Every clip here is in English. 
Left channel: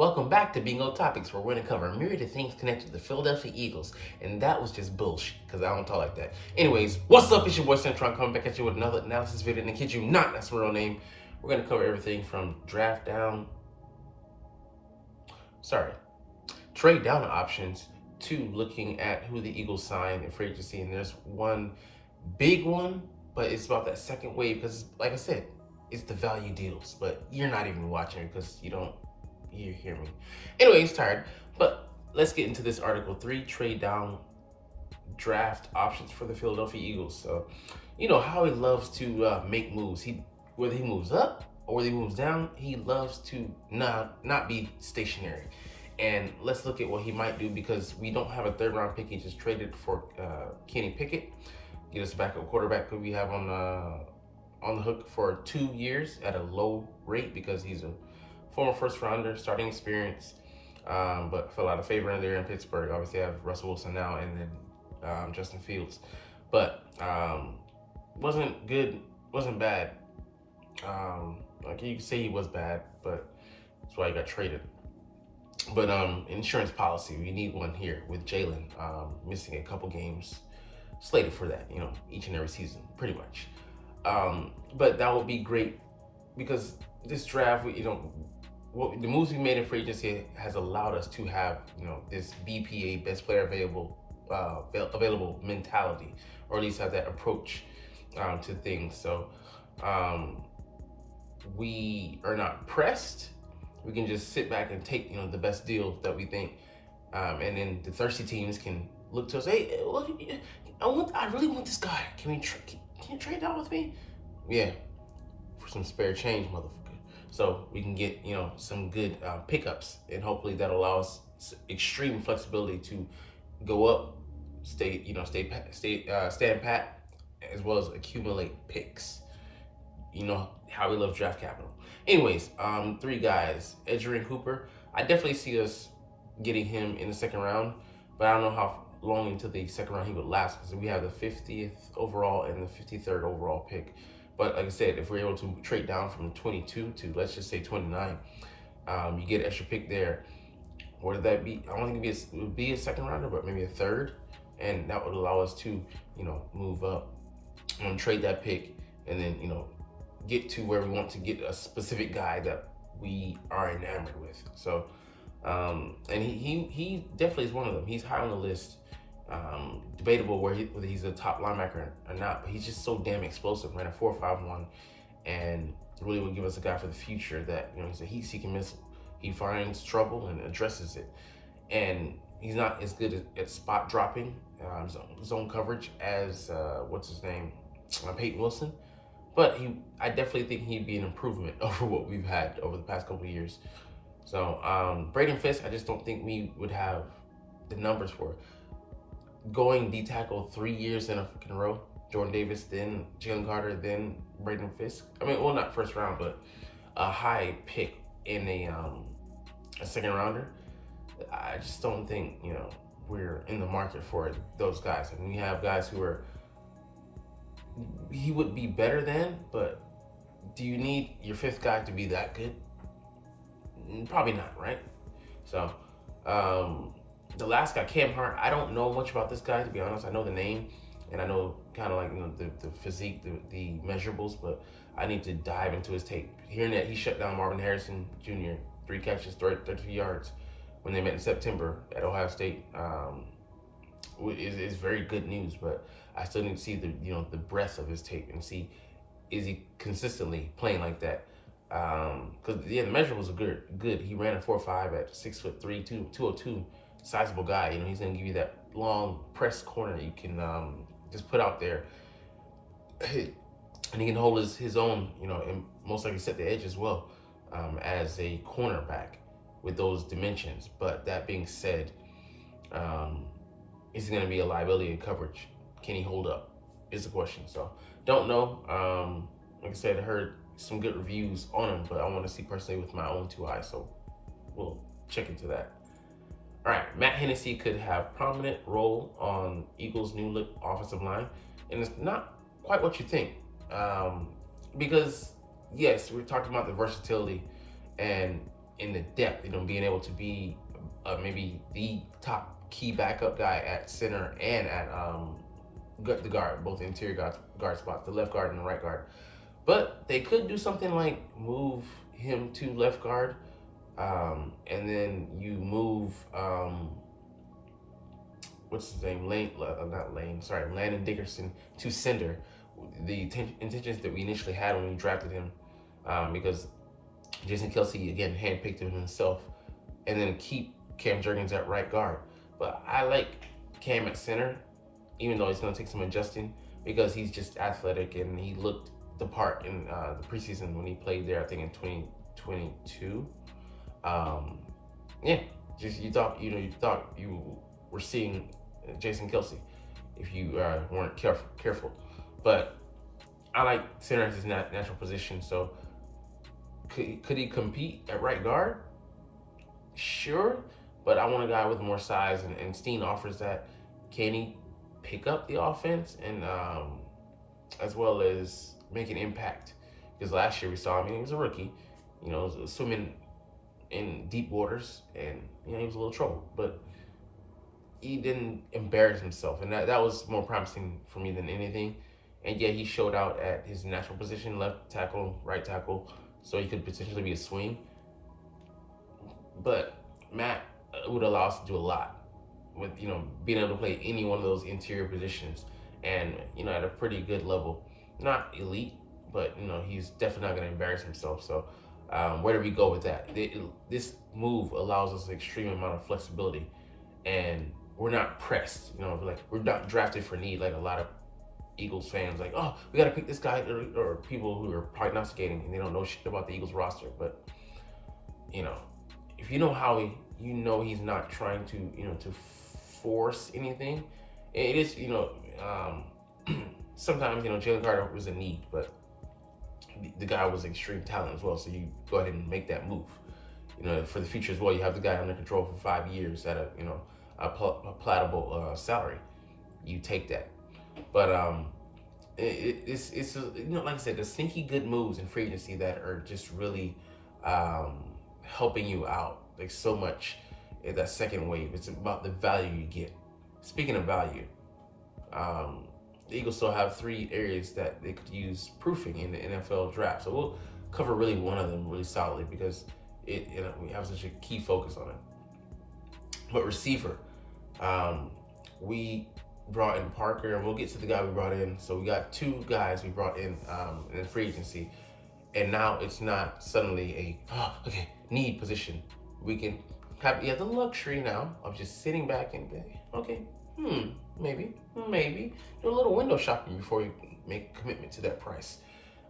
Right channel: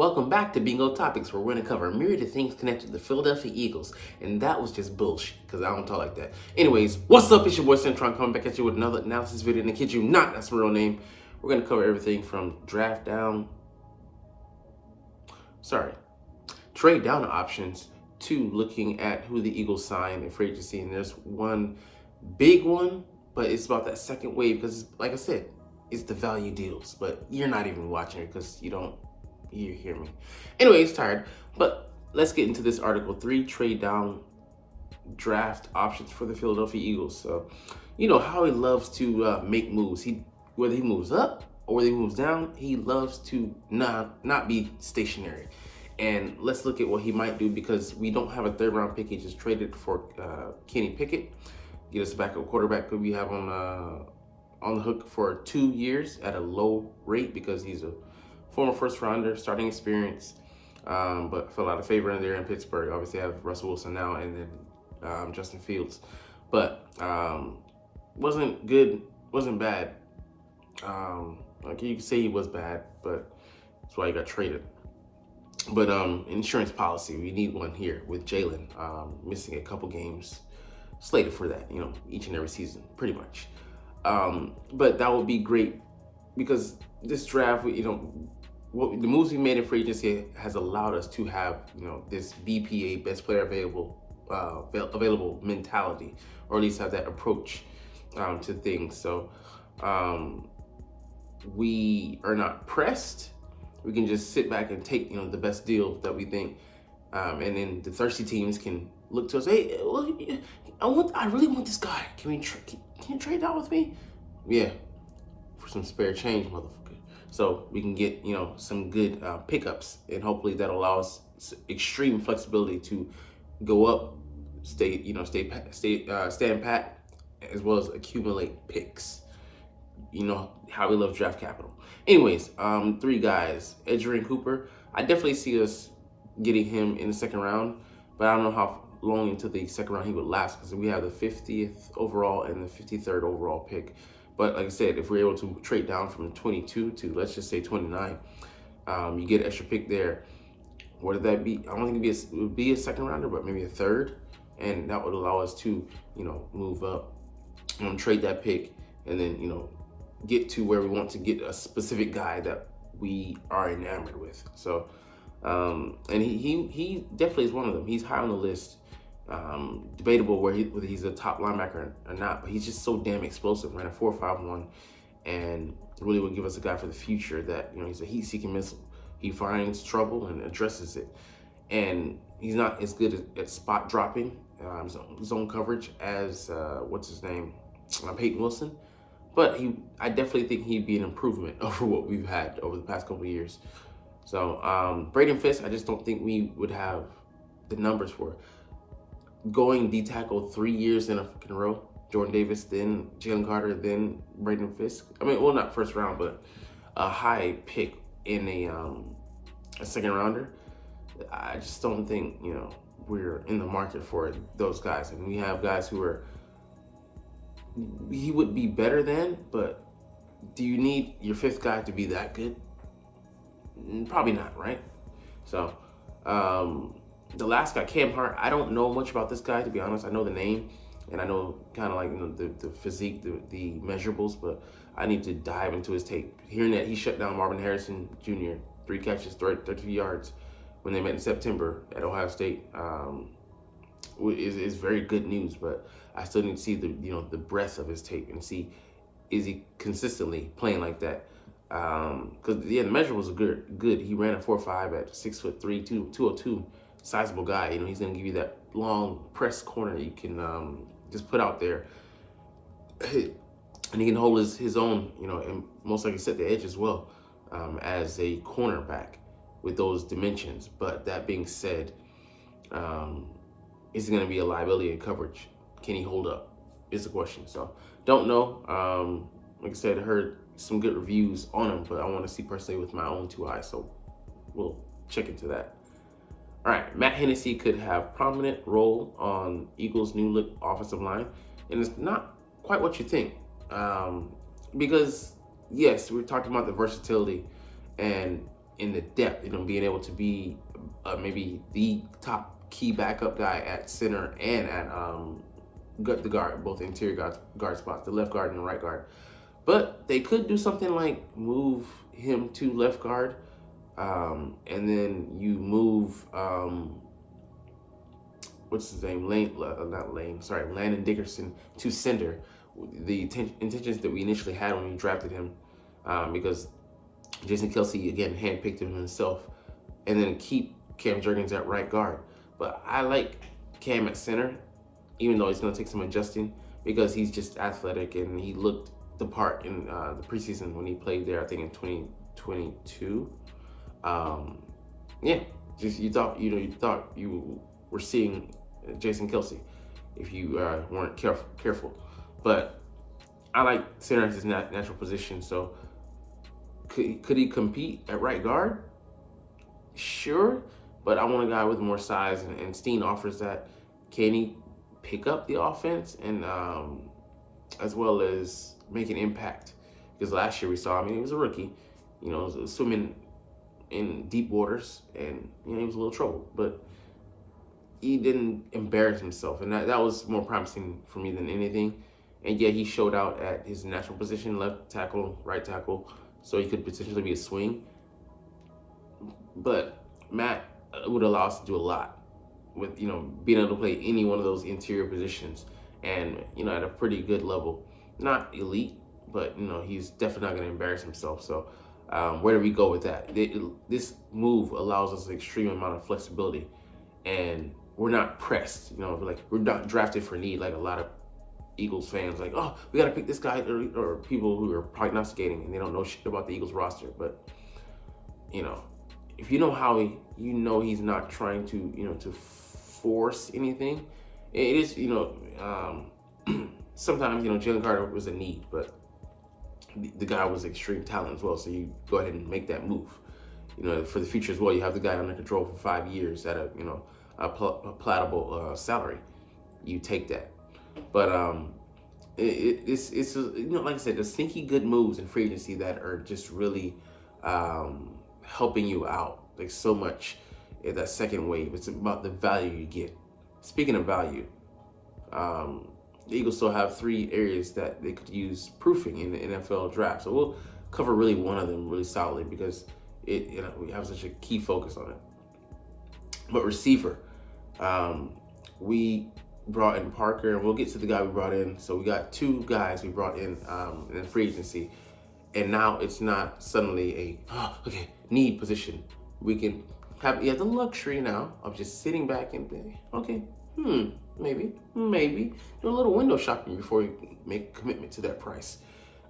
Welcome back to Bingo Topics, where we're going to cover a myriad of things connected to the Philadelphia Eagles. And that was just bullshit, because I don't talk like that. Anyways, what's up? It's your boy Cintron coming back at you with another analysis video. And I kid you not, that's my real name. We're going to cover everything from trade down options to looking at who the Eagles sign in free agency. And there's one big one, but it's about that second wave, because like I said, it's the value deals. But you're not even watching it because you hear me. Anyways, tired. But let's get into this article. 3 trade down draft options for the Philadelphia Eagles. So, you know how he loves to make moves. Whether he moves up or whether he moves down, he loves to not be stationary. And let's look at what he might do, because we don't have a third round pick. He just traded for Kenny Pickett, get us a backup quarterback who we have on the hook for 2 years at a low rate, because he's a former first rounder, starting experience, but fell out of favor in there in Pittsburgh. Obviously, I have Russell Wilson now, and then Justin Fields, but wasn't good, wasn't bad. Like you could say he was bad, but that's why he got traded. But insurance policy, we need one here with Jalen missing a couple games, slated for that, each and every season, pretty much. But that would be great, because this draft, the moves we made in free agency has allowed us to have, this BPA, best player available mentality, or at least have that approach to things. So we are not pressed. We can just sit back and take, the best deal that we think, and then the thirsty teams can look to us. Hey, I really want this guy. Can you trade that with me? Yeah, for some spare change, motherfucker. So we can get, some good pickups, and hopefully that allows extreme flexibility to go up, stand pat, as well as accumulate picks. You know how we love draft capital. Anyways, 3 guys, Edgerrin Cooper. I definitely see us getting him in the second round, but I don't know how long into the second round he would last, because we have the 50th overall and the 53rd overall pick. But like I said, if we're able to trade down from 22 to, let's just say, 29, you get an extra pick there. What would that be? I don't think it would be a second rounder, but maybe a third, and that would allow us to, move up, trade that pick, and then, get to where we want to get a specific guy that we are enamored with. So, and he definitely is one of them. He's high on the list. Debatable whether he's a top linebacker or not, but he's just so damn explosive. Ran a 4.51, and really will give us a guy for the future that, he's a heat-seeking missile. He finds trouble and addresses it, and he's not as good at spot dropping, zone coverage as Peyton Wilson. But I definitely think he'd be an improvement over what we've had over the past couple of years. So Braden Fisk, I just don't think we would have the numbers for it. Going D tackle 3 years in a fucking row. Jordan Davis, then Jalen Carter, then Braden Fisk. I mean, well, not first round, but a high pick in a second rounder. I just don't think, we're in the market for those guys. And we have guys who he would be better than, but do you need your 5th guy to be that good? Probably not, right? So, the last guy, Cam Hart, I don't know much about this guy, to be honest. I know the name, and I know kind of like, the physique, the measurables, but I need to dive into his tape. Hearing that he shut down Marvin Harrison Jr., 3 catches, 32 yards when they met in September at Ohio State, is very good news, but I still need to see the breadth of his tape and see, is he consistently playing like that? Because the measurables are good. He ran a 4.5 at 6'3", 202. Sizable guy. He's gonna give you that long press corner you can just put out there, and he can hold his own. And most likely set the edge as well, as a cornerback with those dimensions. But that being said, is he gonna be a liability in coverage? Can he hold up? Is the question. So don't know. Like I said, I heard some good reviews on him, but I want to see personally with my own 2 eyes. So we'll check into that. All right, Matt Hennessy could have prominent role on Eagles' new look offensive line, and it's not quite what you think, because yes, we're talking about the versatility, and in the depth, being able to be maybe the top key backup guy at center and at the guard, both interior guard spots, the left guard and the right guard. But they could do something like move him to left guard, and then you move what's his name, Landon Dickerson to center. The intentions that we initially had when we drafted him, because Jason Kelsey again handpicked him himself, and then keep Cam Jurgens at right guard. But I like Cam at center, even though it's going to take some adjusting, because he's just athletic and he looked the part in the preseason when he played there, I think in 2022. Yeah, you thought you were seeing Jason Kelsey if you weren't careful. But I like center as his natural position. So could he compete at right guard? Sure, but I want a guy with more size, and Steen offers that. Can he pick up the offense and as well as make an impact? Because last year we saw, he was a rookie, swimming in deep waters, and he was a little trouble, but he didn't embarrass himself, and that was more promising for me than anything. And yet he showed out at his natural position, left tackle, right tackle, so he could potentially be a swing. But Matt would allow us to do a lot with, being able to play any one of those interior positions, and, at a pretty good level. Not elite, but, he's definitely not going to embarrass himself. So where do we go with that? This move allows us an extreme amount of flexibility, and we're not pressed. Like, we're not drafted for need like a lot of Eagles fans, like, oh, we got to pick this guy, or people who are prognosticating and they don't know shit about the Eagles roster. But, if you know Howie, he's not trying to, to force anything. It is, sometimes, Jalen Carter was a need, but the guy was extreme talent as well. So you go ahead and make that move, for the future as well. You have the guy under control for 5 years at a palatable salary. You take that. But it's like I said, the sneaky good moves in free agency that are just really helping you out like so much in that second wave. It's about the value you get. Speaking of value, the Eagles still have 3 areas that they could use proofing in the NFL draft. So we'll cover really one of them really solidly, because we have such a key focus on it. But receiver, we brought in Parker, and we'll get to the guy we brought in. So we got 2 guys we brought in free agency, and now it's not suddenly a need position. We can have the luxury now of just sitting back and maybe do a little window shopping before you make a commitment to that price.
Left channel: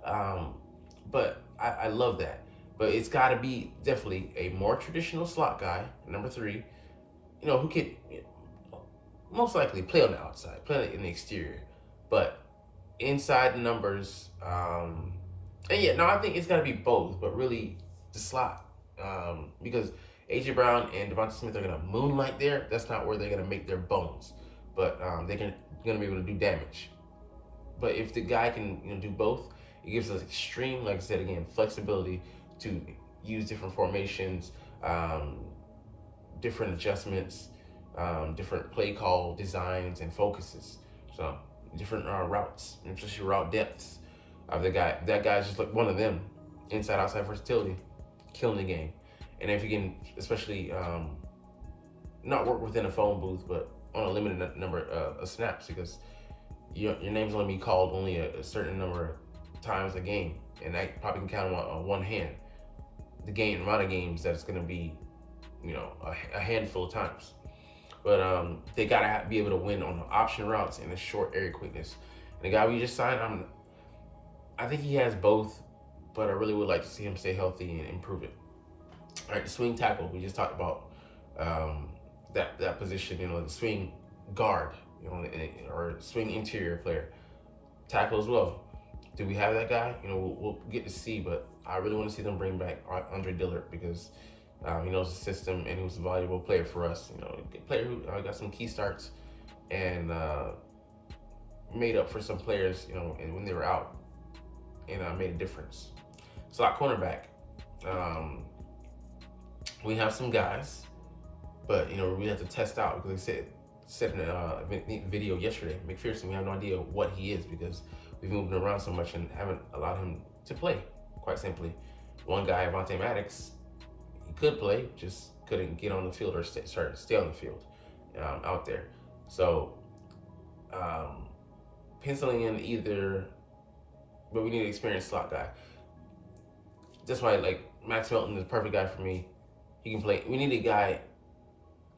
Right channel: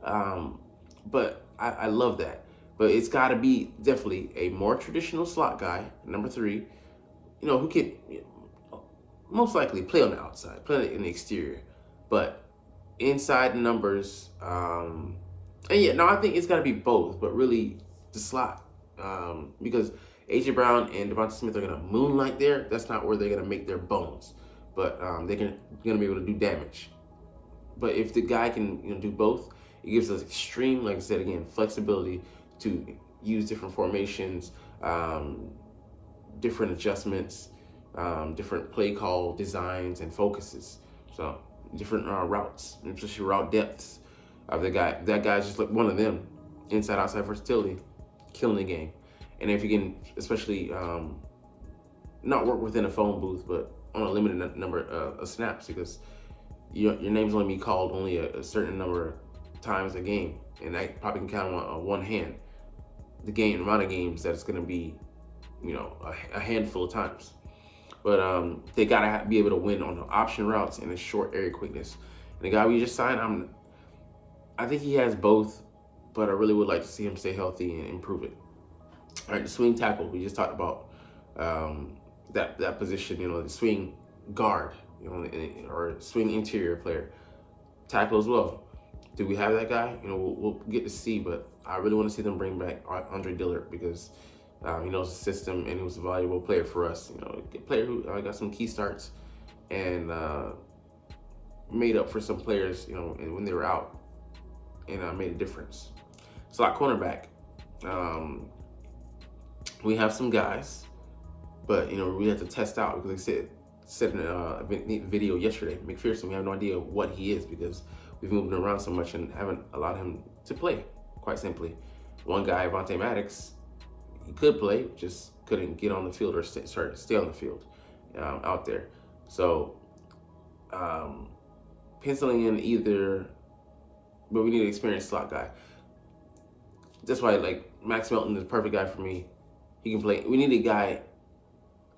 But I love that. But it's got to be definitely a more traditional slot guy, number 3, who could most likely play on the outside, play in the exterior, but inside the numbers. I think it's got to be both, but really the slot, because AJ Brown and Devonta Smith are going to moonlight there. That's not where they're going to make their bones, but they're going to be able to do damage. But if the guy can do both, it gives us extreme, like I said again, flexibility to use different formations, different adjustments, different play call designs and focuses. So different routes, especially route depths. That guy's just like one of them. Inside outside versatility, killing the game. And if you can, especially not work within a phone booth, but on a limited number of snaps, because your name's only be called only a certain number of times a game, and I probably can count on one hand the amount of games that it's going to be, a handful of times. But they gotta be able to win on the option routes and the short area quickness. And the guy we just signed, I think he has both, but I really would like to see him stay healthy and improve it. All right, the swing tackle, we just talked about that position, the swing guard, or swing interior player. Tackle as well. Do we have that guy? We'll get to see, but I really want to see them bring back Andre Dillard, because he knows the system and he was a valuable player for us. A player who got some key starts and made up for some players, and when they were out, and made a difference. Slot cornerback. We have some guys, but we have to test out because they said in a video yesterday, McPherson, we have no idea what he is because we've moved him around so much and haven't allowed him to play. Quite simply, one guy, Avonte Maddox, he could play, just couldn't get on the field or stay on the field out there. So penciling in either, but we need an experienced slot guy. That's why like Max Melton is the perfect guy for me. He can play. We need a guy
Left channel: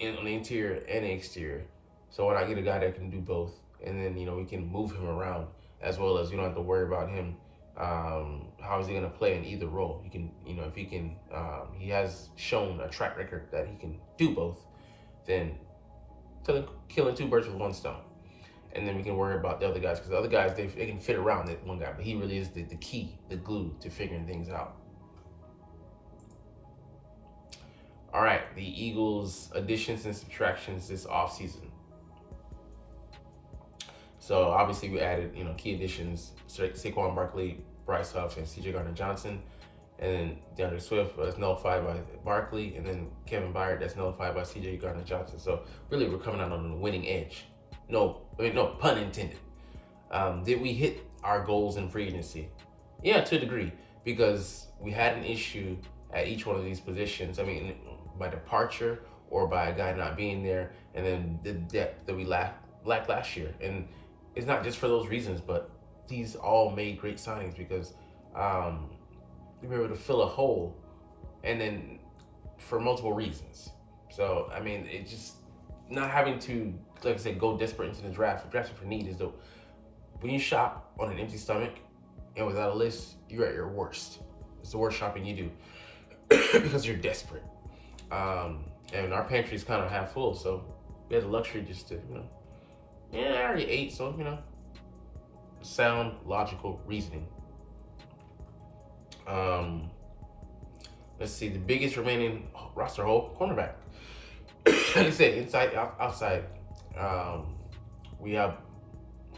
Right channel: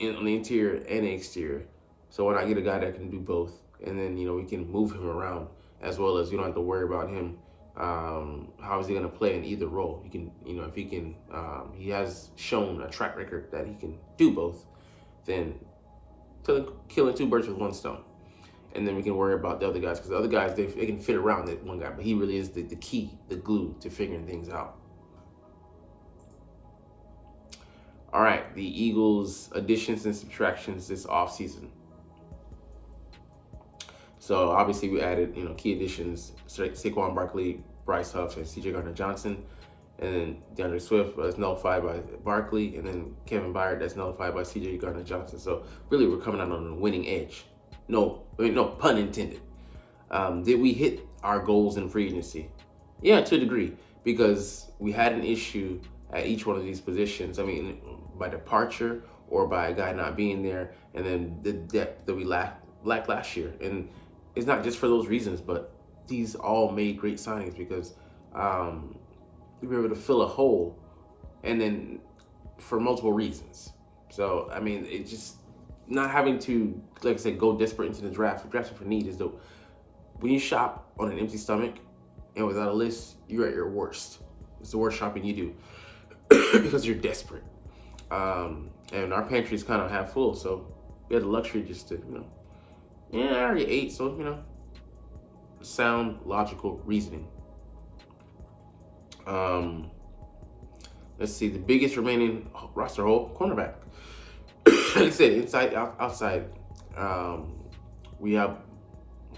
on the interior and the exterior. So why not get a guy that can do both, and then we can move him around as well as you don't have to worry about him. How is he going to play in either role? He can, if he can, he has shown a track record that he can do both. Then killing two birds with one stone, and then we can worry about the other guys because the other guys they can fit around that one guy, but he really is the key, the glue to figuring things out. All right, the Eagles' additions and subtractions this offseason. So obviously we added, key additions: Saquon Barkley, Bryce Huff, and C.J. Gardner-Johnson, and then DeAndre Swift that's nullified by Barkley, and then Kevin Byard that's nullified by C.J. Gardner-Johnson. So really, we're coming out on a winning edge. No pun intended. Did we hit our goals in free agency? Yeah, to a degree, because we had an issue at each one of these positions. I mean, by departure or by a guy not being there, and then the depth that we lacked last year. And it's not just for those reasons, but these all made great signings because we were able to fill a hole, and then for multiple reasons. So, I mean, it just not having to, like I said, go desperate into the draft. Drafting for need is the, when you shop on an empty stomach and without a list, you're at your worst. It's the worst shopping you do because you're desperate. And our pantry's kind of half full, so we had the luxury just to, I already ate, so, sound, logical reasoning. Let's see, the biggest remaining roster hole, cornerback. Like I said, inside, outside, we have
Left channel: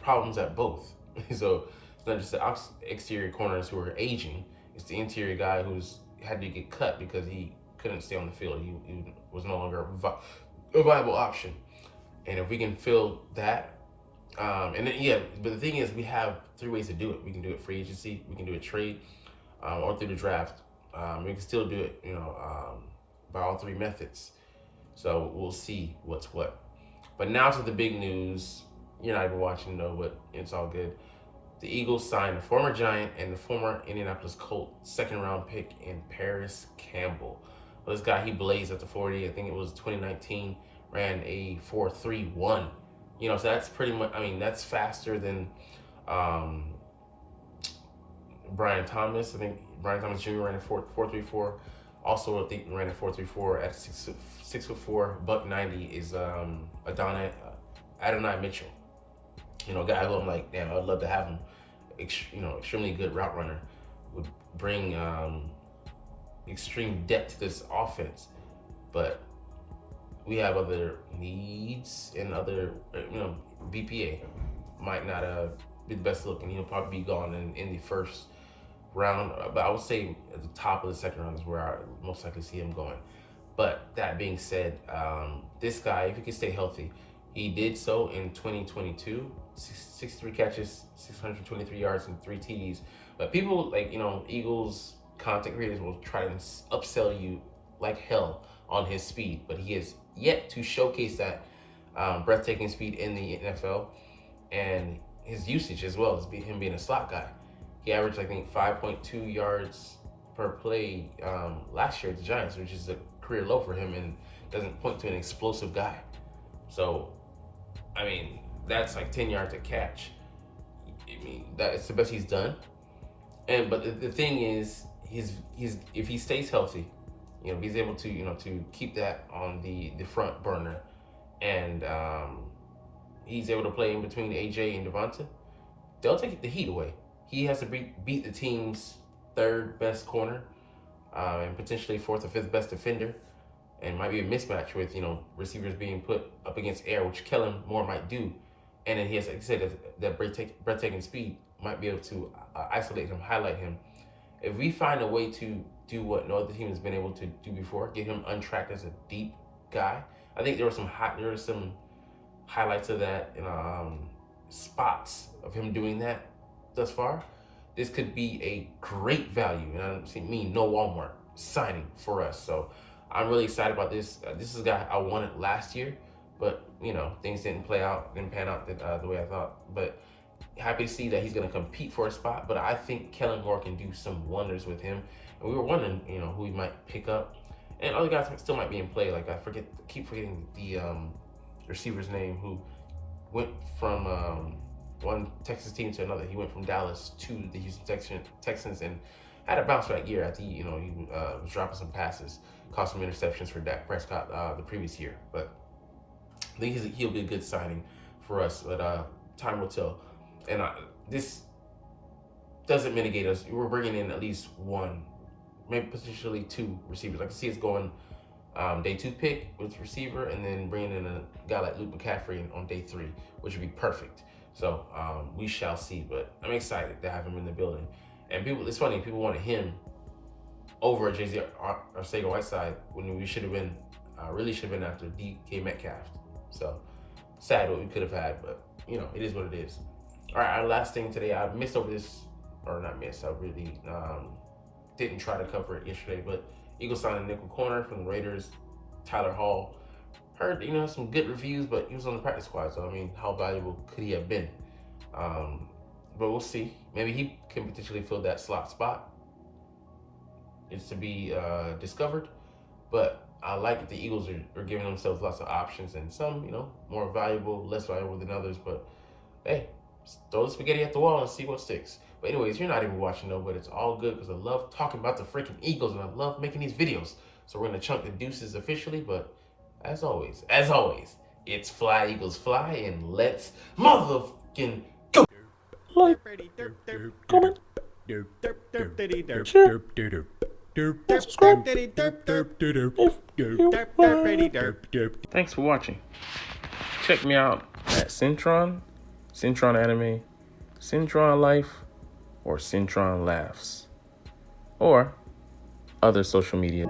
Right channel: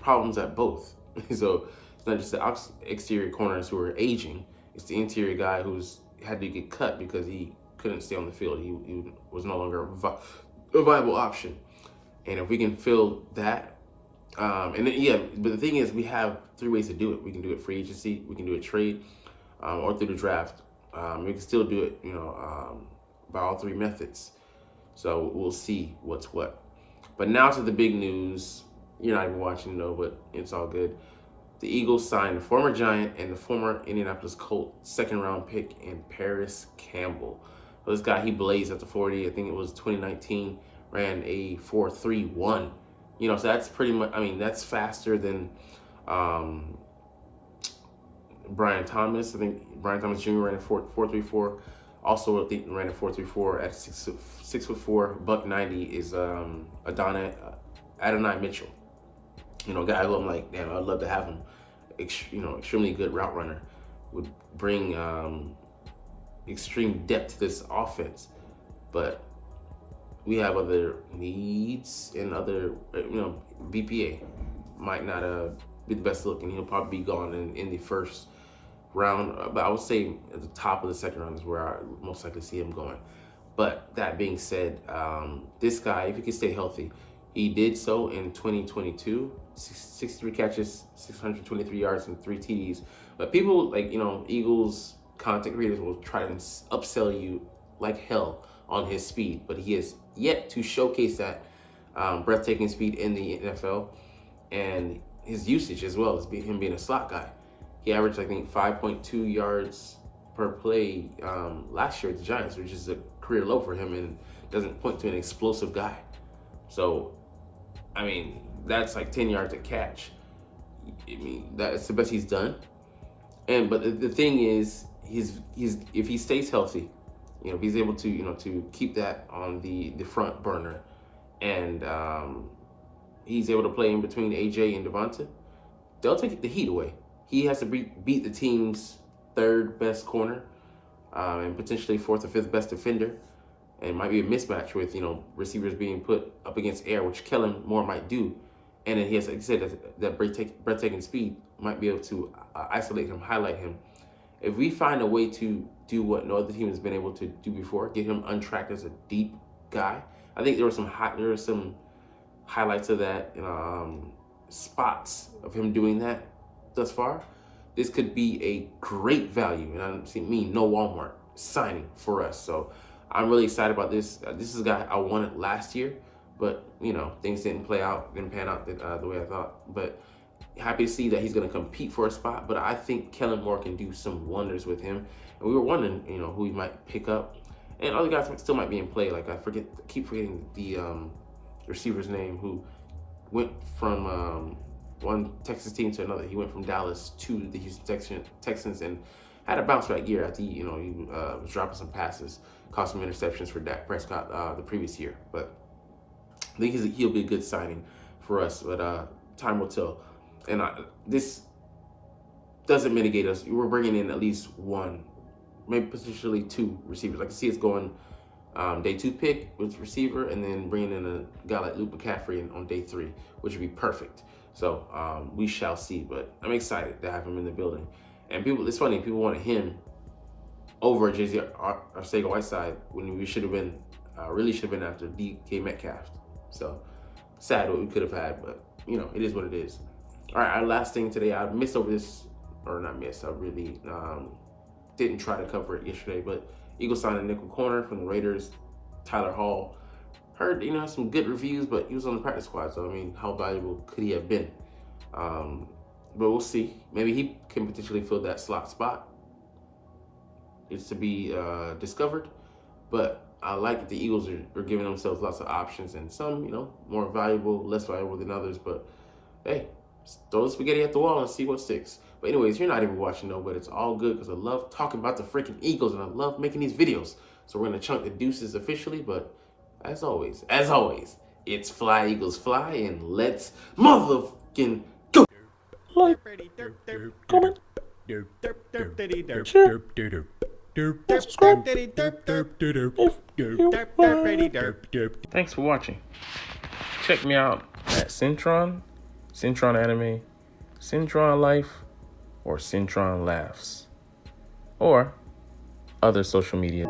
problems at both. So it's not just the exterior corners who are aging, it's the interior guy who's had to get cut because he couldn't stay on the field. He was no longer a viable option. And if we can fill that, and then, but the thing is, we have three ways to do it. We can do it free agency, we can do it trade, or through the draft. We can still do it, by all three methods. So we'll see what's what. But now to the big news. You're not even watching though, but it's all good. The Eagles signed the former Giant and the former Indianapolis Colt second-round pick in Paris Campbell. Well, this guy, he blazed at the 40. I think it was 2019. Ran a 4.31. So that's pretty much. I mean, that's faster than Brian Thomas. I think Brian Thomas Jr. ran a 4.34. Also, I think ran a 4.34 at 6'4", $190 is Adonai Mitchell. A guy who I'm like, damn, I'd love to have him. Extremely good route runner. Would bring extreme depth to this offense. But we have other needs and other, BPA might not be the best looking. He'll probably be gone in the first round. But I would say at the top of the second round is where I most likely see him going. But that being said, this guy, if he can stay healthy, he did so in 2022, 63 catches, 623 yards, and 3 TDs. But people like, Eagles content creators will try to upsell you like hell on his speed, but he has yet to showcase that breathtaking speed in the NFL, and his usage as well as him being a slot guy. He averaged, I think, 5.2 yards per play last year with the Giants, which is a career low for him and doesn't point to an explosive guy. So, I mean, that's like 10 yards a catch. I mean, that's the best he's done. But the thing is, he's if he stays healthy, if he's able to to keep that on the front burner, and he's able to play in between AJ and Devonta, they'll take the heat away. He has to beat the team's third best corner, and potentially fourth or fifth best defender, and might be a mismatch with receivers being put up against air, which Kellen Moore might do. And then he has, like I said, that breathtaking speed might be able to isolate him, highlight him, if we find a way to do what no other team has been able to do before, get him untracked as a deep guy. I think there were some highlights of that and spots of him doing that thus far. This could be a great value, and I mean no Walmart signing for us. So I'm really excited about this. This is a guy I wanted last year, but things didn't pan out the way I thought. But happy to see that he's going to compete for a spot. But I think Kellen Moore can do some wonders with him. And we were wondering, who he might pick up, and other guys still might be in play. Like keep forgetting the receiver's name who went from one Texas team to another. He went from Dallas to the Houston Texans and had a bounce back year after he was dropping some passes, caused some interceptions for Dak Prescott the previous year. But I think he'll be a good signing for us. But time will tell. And this doesn't mitigate us. We're bringing in at least one, maybe potentially two receivers. I can see us going day 2 pick with receiver, and then bringing in a guy like Luke McCaffrey on day 3, which would be perfect. So we shall see. But I'm excited to have him in the building. And it's funny, people wanted him over J.C. Arcega-Whiteside when we really should have been after DK Metcalf. So sad what we could have had, but it is what it is. All right, our last thing today, I missed over this, or not missed, I really didn't try to cover it yesterday, but Eagles signed a nickel corner from the Raiders, Tyler Hall. Heard, some good reviews, but he was on the practice squad, so how valuable could he have been? But we'll see. Maybe he can potentially fill that slot spot. It's to be discovered, but I like that the Eagles are giving themselves lots of options, and some, more valuable, less valuable than others, but hey, throw the spaghetti at the wall and see what sticks. But anyways, you're not even watching though, but it's all good because I love talking about the freaking Eagles and I love making these videos. So we're going to chunk the deuces officially, but as always, it's Fly Eagles Fly, and let's motherfucking go. Like, comment, share, subscribe if you want. Thanks for watching. Check me out at Cintron Anime, Cintron Life, or Cintron Laughs, or other social media.